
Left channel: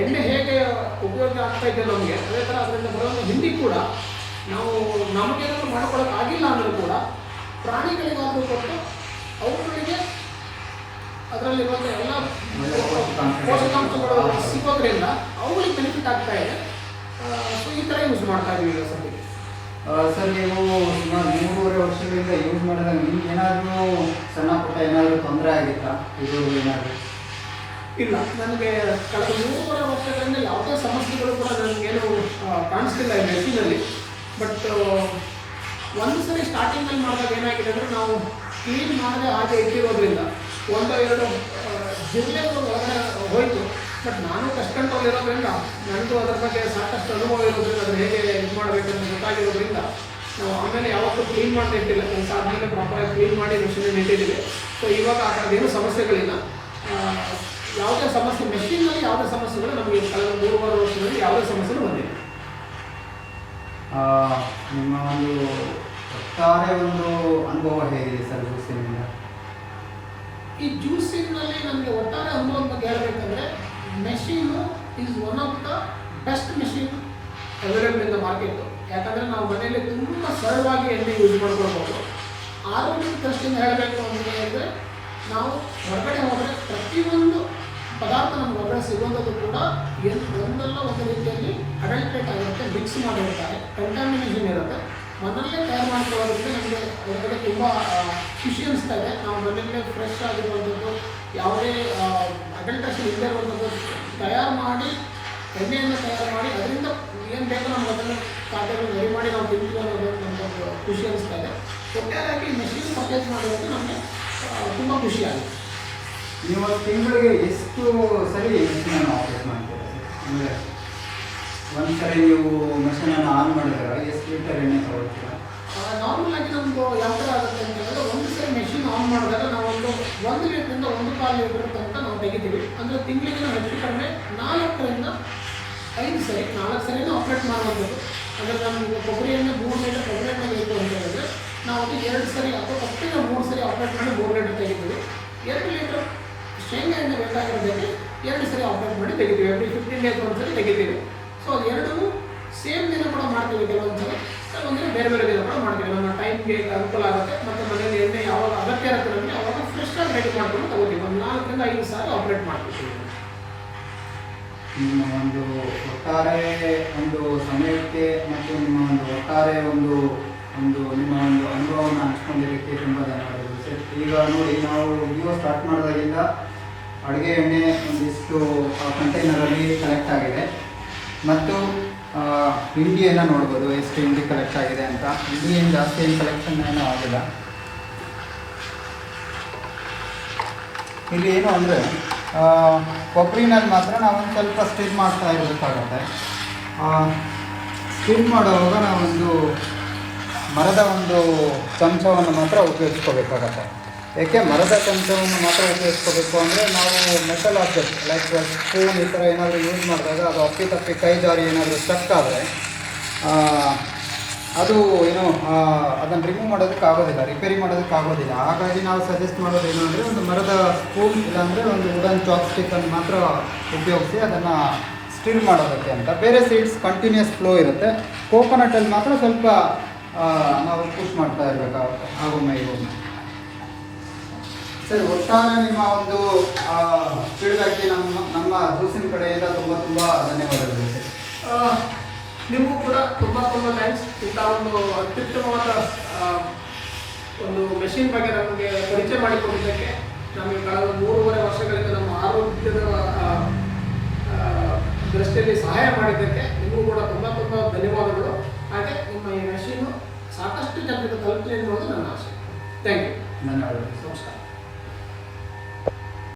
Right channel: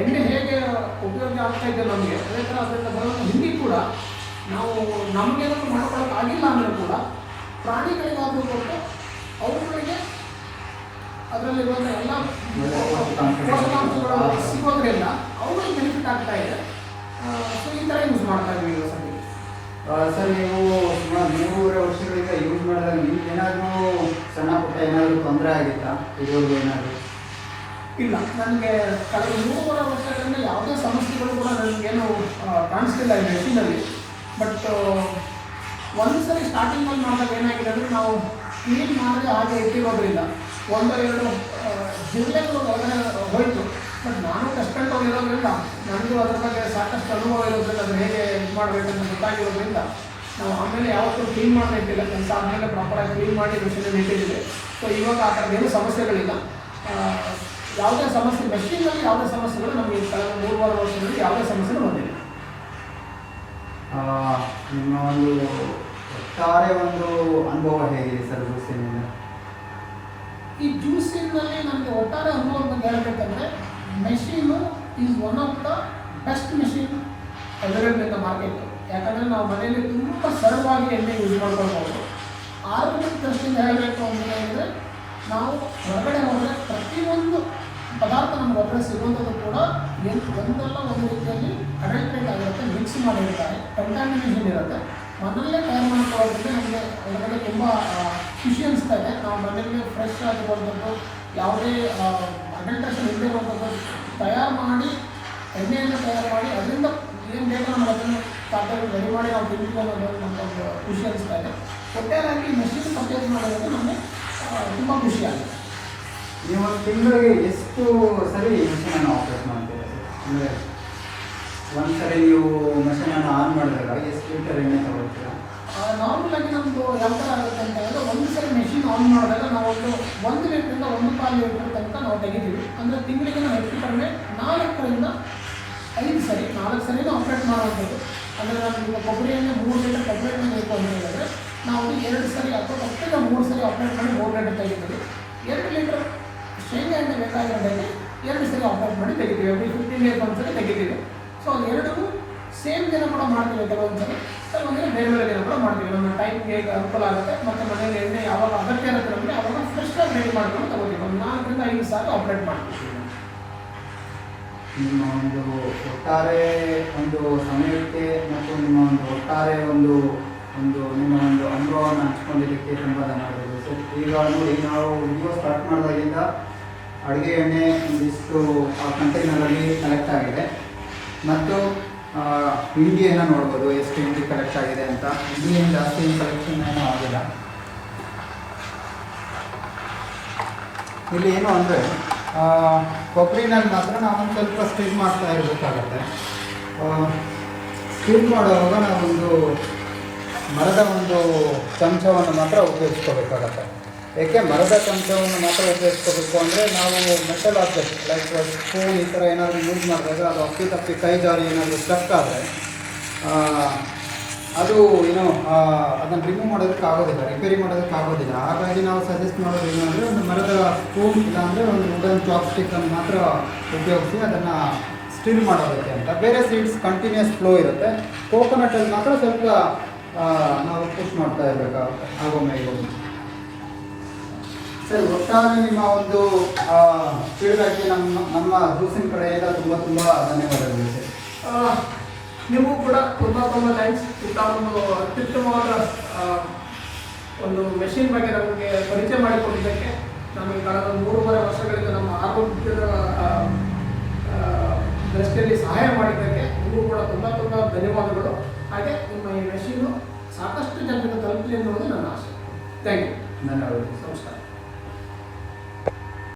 ಎಣ್ಣೆ ಹೇಗೆ ಉಪಯೋಗ ಆಗ್ತಾ ಇದೆ ನಮಗೆ, ಅದೇ ಥರ ಅದರಿಂದ ಬರೋ ಹಿಂಡಿ ಕೂಡ ನಾವು ನಮಗೆ ಅದನ್ನು ಮಾಡ್ಕೊಳ್ಳೋಕೆ ಆಗಿಲ್ಲ ಅಂದರೂ ಕೂಡ ಪ್ರಾಣಿಗಳಿಗಾದರೂ ಕೊಟ್ಟು ಅವುಗಳಿಗೆ ಅದರಲ್ಲಿರುವಂಥ ಎಲ್ಲ ಪೋಷಕಾಂಶಗಳು ಸಿಗೋದ್ರಿಂದ ಅವುಗಳಿಗೆ ಬೆನಿಫಿಟ್ ಆಗ್ತಾ ಇದೆ. ಸೊ ಈ ಥರ ಯೂಸ್ ಮಾಡ್ತಾ ಇದ್ದೀವಿ ಈಗ ಸದ್ಯಕ್ಕೆ. ಸರ್, ನೀವು ಸುಮಾರು 3.5 ವರ್ಷಗಳಿಂದ ಯೂಸ್ ಮಾಡಿದಾಗ ನಿಮ್ಗೆ ಏನಾದರೂ ಸಣ್ಣ ಪುಟ್ಟ ಏನಾದರೂ ತೊಂದರೆ ಆಗಿತ್ತಾ? ಇದು ಏನಾದರೂ ಇಲ್ಲ, ನನಗೆ ಕಳೆದ 3.5 ವರ್ಷಗಳಿಂದ ಯಾವುದೇ ಸಮಸ್ಯೆಗಳು ಕೂಡ ನನಗೇನು ಕಾಣಿಸ್ತಿಲ್ಲ ಈ ಮೆಷಿನಲ್ಲಿ. ಬಟ್ ಒಂದು ಸರಿ ಸ್ಟಾರ್ಟಿಂಗಲ್ಲಿ ಮಾಡಿದಾಗ ಏನಾಗಿದೆ ಅಂದರೆ ನಾವು ಕ್ಲೀನ್ ಮಾಡದೆ ಹಾಗೆ ಇಟ್ಟಿರೋದ್ರಿಂದ 1-2 ಜಿಲ್ಲೆಗಳು ಒಳಗಡೆ ಹೋಯಿತು. ಬಟ್ ನಾನು ಕಸ್ಟಮರ್ ಇರೋದ್ರಿಂದ ನನಗೂ ಅದರ ಬಗ್ಗೆ ಸಾಕಷ್ಟು ಅನುಭವ ಇರೋದ್ರಿಂದ ಅದನ್ನು ಹೇಗೆ ಇದು ಮಾಡಬೇಕಂತ ಗೊತ್ತಾಗಿರೋದ್ರಿಂದ ನಾವು ಆಮೇಲೆ ಯಾವತ್ತೂ ಕ್ಲೀನ್ ಮಾಡ್ತಾ ಇರ್ತಿಲ್ಲ, ಕೆಲಸ ಆದಮೇಲೆ ಪ್ರಾಪರಾಗಿ ಕ್ಲೀನ್ ಮಾಡಿ ಮೆಷಿನ್ ಇಟ್ಟಿದ್ದೀವಿ. ಸೊ ಇವಾಗ ಆ ಥರದ್ದೇನು ಸಮಸ್ಯೆಗಳಿಲ್ಲ. ಯಾವುದೇ ಸಮಸ್ಯೆ ಮೆಷಿನಲ್ಲಿ ಯಾವುದೇ ಸಮಸ್ಯೆಗಳು ನಮಗೆ ಕಳೆದ 3-4 ವರ್ಷಗಳಲ್ಲಿ ಯಾವುದೇ ಸಮಸ್ಯೆಗಳು ಬಂದಿಲ್ಲ. ನಿಮ್ಮ ಒಂದು ಒಟ್ಟಾರೆ ಒಂದು ಅನುಭವ ಹೇಗಿದೆ ಸರ್ ಜ್ಯೂಸಿನ? ಈ ಜ್ಯೂಸಿನಲ್ಲಿ ನನಗೆ ಒಟ್ಟಾರೆ ಅನುಭವ ಬಗ್ಗೆ ಹೇಳಬೇಕಂದ್ರೆ machine is one of the best machine available in the market. ಯಾಕಂದರೆ ನಾವು ಮನೆಯಲ್ಲಿ ತುಂಬ ಸರಳವಾಗಿ ಎಣ್ಣೆ ಯೂಸ್ ಮಾಡ್ಕೊಳ್ಬೋದು. ಆರೋಗ್ಯದ ದೃಷ್ಟಿಯಿಂದ ಹೇಳಬೇಕು ಅಂತ ಹೇಳಿದರೆ ನಾವು ಹೊರಗಡೆ ಹೋದರೆ ಪ್ರತಿಯೊಂದು ಪದಾರ್ಥ ನಮ್ಗೆ ಹೊರಗಡೆ ಸಿಗುವಂಥದ್ದು ಕೂಡ ಒಂದಲ್ಲ ಒಂದು ರೀತಿಯಲ್ಲಿ ಅಡಲ್ಟ್ರೇಟ್ ಆಗಿರುತ್ತೆ, ಮಿಕ್ಸ್ ಮಾಡಿರ್ತಾರೆ, ಕಂಟಾಮಿನೇಷನ್ ಇರುತ್ತೆ. ಮನೆಯಲ್ಲೇ ತಯಾರು ಮಾಡ್ಕೊಳ್ಳೋದ್ರಿಂದ ನಮಗೆ ಹೊರಗಡೆ ತುಂಬ ಖುಷಿ ಅನಿಸ್ತಾ ಇದೆ. ನಾವು ಮನೆಯಲ್ಲೇ ಫ್ರೆಶ್ ಆಗಿರುವಂಥದ್ದು, ಯಾವುದೇ ಅಡಲ್ಟ್ರೇಷನ್ ಇಲ್ಲದೆ ಇರುವಂಥದ್ದು ತಯಾರು ಮಾಡಿ, ಎಣ್ಣೆಯನ್ನು ತಯಾರು ಮಾಡಿ ಅದರಿಂದ ಏನು ಬೇಕೋ ನಾವು ಅದನ್ನು ಖಾದ್ಯಗಳು ರೆಡಿ ಮಾಡಿ ನಾವು ತಿಂತೀವಿ ಅನ್ನೋದು ನಮಗೊಂದು ಖುಷಿ ಅನಿಸ್ತಾ ಇದೆ. ಒಟ್ಟಾರೆಯಾಗಿ ಮೆಷಿನ್ ಪರ್ಚೇಸ್ ಮಾಡೋದಕ್ಕೆ ನಮಗೆ ತುಂಬ ಖುಷಿಯಾಗಿದೆ. ನೀವು ತಿಂಗಳಿಗೆ ಎಷ್ಟು ಸರಿ ಮೆಷಿನನ್ನು ಆಪರೇಟ್ ಮಾಡ್ತೀರಾ? ಅಂದರೆ ಒಂದು ಸರಿ ನೀವು ಮೆಷಿನನ್ನು ಆನ್ ಮಾಡಿದಾಗ ಎಷ್ಟು ಲೀಟರ್ ಎಣ್ಣೆ ತಗೊಳ್ತೀರಾ? ನಾರ್ಮಲಾಗಿ ನಮ್ಮದು ಯಾವ ಥರ ಆಗುತ್ತೆ ಅಂತ ಹೇಳಿದ್ರೆ, ಒಂದು ಸರಿ ಮೆಷಿನ್ ಆನ್ ಮಾಡಿದಾಗ ನಾವು 1 ಲೀಟ್ರಿಂದ 1.25 ಲೀಟ್ರ್ ತನಕ ನಾವು ತೆಗಿತೀವಿ. ಅಂದರೆ ತಿಂಗಳಿಗೆ ನಾವು ಹೆಚ್ಚು ಕಡಿಮೆ 4ರಿಂದ 5 ಸರಿ 4 ಸರಿನೂ ಆಪ್ರೇಟ್ ಮಾಡುವಂಥದ್ದು. ಅಂದರೆ ನಮಗೆ ಕೊಬ್ಬರಿ ಎಣ್ಣೆ 3 ಲೀಟರ್ ಕೊಬ್ಬರಿ ಎಣ್ಣೆ ಬೇಕು ಅಂತ ಹೇಳಿದ್ರೆ ನಾವು 2 ಸರಿ ಅಥವಾ ಅಷ್ಟೇ 3 ಸರಿ ಆಪ್ರೇಟ್ ಮಾಡಿ 3 ಲೀಟರ್ ತೆಗಿತೀವಿ. 2 ಲೀಟರ್ ಶೇಂಗಾ ಎಣ್ಣೆ ಬೇಕಾಗಿರೋದಕ್ಕೆ 2 ಸರಿ ಆಪ್ರೇಟ್ ಮಾಡಿ ತೆಗಿತೀವಿ. ಎವ್ರಿ 15 ಡೇಸ್ ಒಂದು ಸರಿ ತೆಗಿತೀವಿ. ಸೊ ಅದು ಎರಡೂ ಸೇಮ್ ದಿನ ಕೂಡ ಮಾಡ್ತೀವಿ. ಕೆಲವೊಂದು ಸಲ ಕೆಲವೊಂದಿನ ಬೇರೆ ಬೇರೆ ದಿನ ಕೂಡ ಮಾಡ್ತೀವಿ. ನಮ್ಮ ಟೈಮ್ಗೆ ಅನುಕೂಲ ಆಗುತ್ತೆ. ಮತ್ತು ಮನೆಯಲ್ಲಿ ಎಣ್ಣೆ ಯಾವಾಗ ಅಗತ್ಯ ಇರುತ್ತೆ ನಮಗೆ ಅವಾಗ ಫ್ರೆಶ್ಶಾಗಿ ರೆಡಿ ಮಾಡ್ಕೊಂಡು ತಗೋತೀವಿ. ಒಂದು 4ರಿಂದ 5 ಸಾರಿ ಆಪ್ರೇಟ್ ಮಾಡ್ತೀವಿ. ನಿಮ್ಮ ಒಂದು ಒಟ್ಟಾರೆ ಒಂದು ಸಮಯಕ್ಕೆ ಮತ್ತು ನಿಮ್ಮ ಒಂದು ಒಟ್ಟಾರೆ ಒಂದು ನಿಮ್ಮ ಒಂದು ಅನುಭವವನ್ನು ಹಂಚ್ಕೊಂಡಿದ್ದಕ್ಕೆ ತುಂಬ ಧನ್ಯವಾದಗಳು ಸರ್. ಈಗ ನೋಡಿ, ನಾವು ವಿಡಿಯೋ ಸ್ಟಾರ್ಟ್ ಮಾಡಿದಾಗಿಂದ ಅಡುಗೆ ಎಣ್ಣೆ ಒಂದಿಷ್ಟು ಕಂಟೈನರಲ್ಲಿ ಕಲೆಕ್ಟ್ ಆಗಿದೆ ಮತ್ತು ಹಿಂಡಿಯನ್ನು ನೋಡ್ಬೋದು, ಎಷ್ಟು ಹಿಂಡಿ ಕಲೆಕ್ಟ್ ಆಗಿದೆ ಅಂತ. ಹಿಂಡಿ ಏನು ಜಾಸ್ತಿ ಕಲೆಕ್ಷನ್ ಏನೂ ಆಗಿಲ್ಲ. ಇಲ್ಲಿ ಏನು ಅಂದರೆ ಕೊಬ್ಬರಿನಲ್ಲಿ ಮಾತ್ರ ನಾವೊಂದು ಸ್ವಲ್ಪ ಸ್ಟಿಲ್ ಮಾಡ್ತಾ ಇರಬೇಕಾಗುತ್ತೆ. ಸ್ಟಿಲ್ ಮಾಡುವಾಗ ನಾವೊಂದು ಮರದ ಒಂದು ಚಮಚವನ್ನು ಮಾತ್ರ ಉಪಯೋಗಿಸ್ಕೋಬೇಕಾಗತ್ತೆ. ಏಕೆ ಮರದ ಚಮಚವನ್ನು ಮಾತ್ರ ಉಪಯೋಗಿಸ್ಕೋಬೇಕು ಅಂದರೆ, ನಾವು ಮೆಟಲ್ ಆಬ್ಜೆಕ್ಟ್ ಲೈಕ್ ಸ್ಪೂನ್ ಈ ಥರ ಏನಾದರೂ ಯೂಸ್ ಮಾಡಿದಾಗ ಅದು ಅಪ್ಪಿ ಕೈ ಜಾರಿ ಏನಾದರೂ ಸ್ಟೆಕ್ ಆದರೆ ಅದು ಏನು ಅದನ್ನು ರಿಮೂವ್ ಮಾಡೋದಕ್ಕಾಗೋದಿಲ್ಲ, ರಿಪೇರಿ ಮಾಡೋದಕ್ಕಾಗೋದಿಲ್ಲ. ಹಾಗಾಗಿ ನಾವು ಸಜೆಸ್ಟ್ ಮಾಡೋದು ಏನಂದರೆ, ಒಂದು ಮರದ ಸ್ಪೂನ್ ಇಲ್ಲಾಂದರೆ ಒಂದು ವುಡನ್ ಚಾಪ್ಸ್ಟಿಕ್ಕನ್ನು ಮಾತ್ರ ಉಪಯೋಗಿಸಿ ಅದನ್ನು ಸ್ಟಿಲ್ ಮಾಡೋದಕ್ಕೆ ಅಂತ. ಬೇರೆ ಸೀಡ್ಸ್ ಕಂಟಿನ್ಯೂಸ್ ಫ್ಲೋ ಇರುತ್ತೆ. ಕೋಕೋನಟಲ್ಲಿ ಮಾತ್ರ ಸ್ವಲ್ಪ ನಾವು ಪುಷ್ ಮಾಡ್ತಾ ಇರಬೇಕಾಗುತ್ತೆ ಆಗೊಮ್ಮೆ ಈಗೊಮ್ಮೆ. ಸರ್, ಒಟ್ಟಾರೆ ನಿಮ್ಮ ಒಂದು ಫೀಡ್ಬ್ಯಾಕ್ಗೆ ನಮ್ಮ ಜ್ಯೂಸಿನ ಕಡೆಯಿಂದ ತುಂಬ ಧನ್ಯವಾದಗಳು ಸರ್. ನೀವು ಕೂಡ ತುಂಬ ಥ್ಯಾಂಕ್ಸ್. ಇಂಥ ಒಂದು ಅತ್ಯುತ್ತಮವಾದ ಒಂದು ಮೆಷಿನ್ ಬಗ್ಗೆ ನಮಗೆ ಪರಿಚಯ ಮಾಡಿಕೊಟ್ಟಿದ್ದಕ್ಕೆ, ನಮಗೆ ಕಳೆದ 3.5 ವರ್ಷಗಳಿಂದ ನಮ್ಮ ಆರೋಗ್ಯದ ದೃಷ್ಟಿಯಲ್ಲಿ ಸಹಾಯ ಮಾಡಿದ್ದಕ್ಕೆ ನಿಮಗೂ ಕೂಡ ತುಂಬ ಧನ್ಯವಾದಗಳು. ಹಾಗೆ ನಿಮ್ಮ ಈ ಮೆಷಿನ್ನು ಸಾಕಷ್ಟು ಜನರಿಗೆ ತಲುಪಲಿ ಎನ್ನುವುದು ನನ್ನ ಆಸೆ. Thank you. ಧನ್ಯವಾದಗಳು. ನಮಸ್ಕಾರ.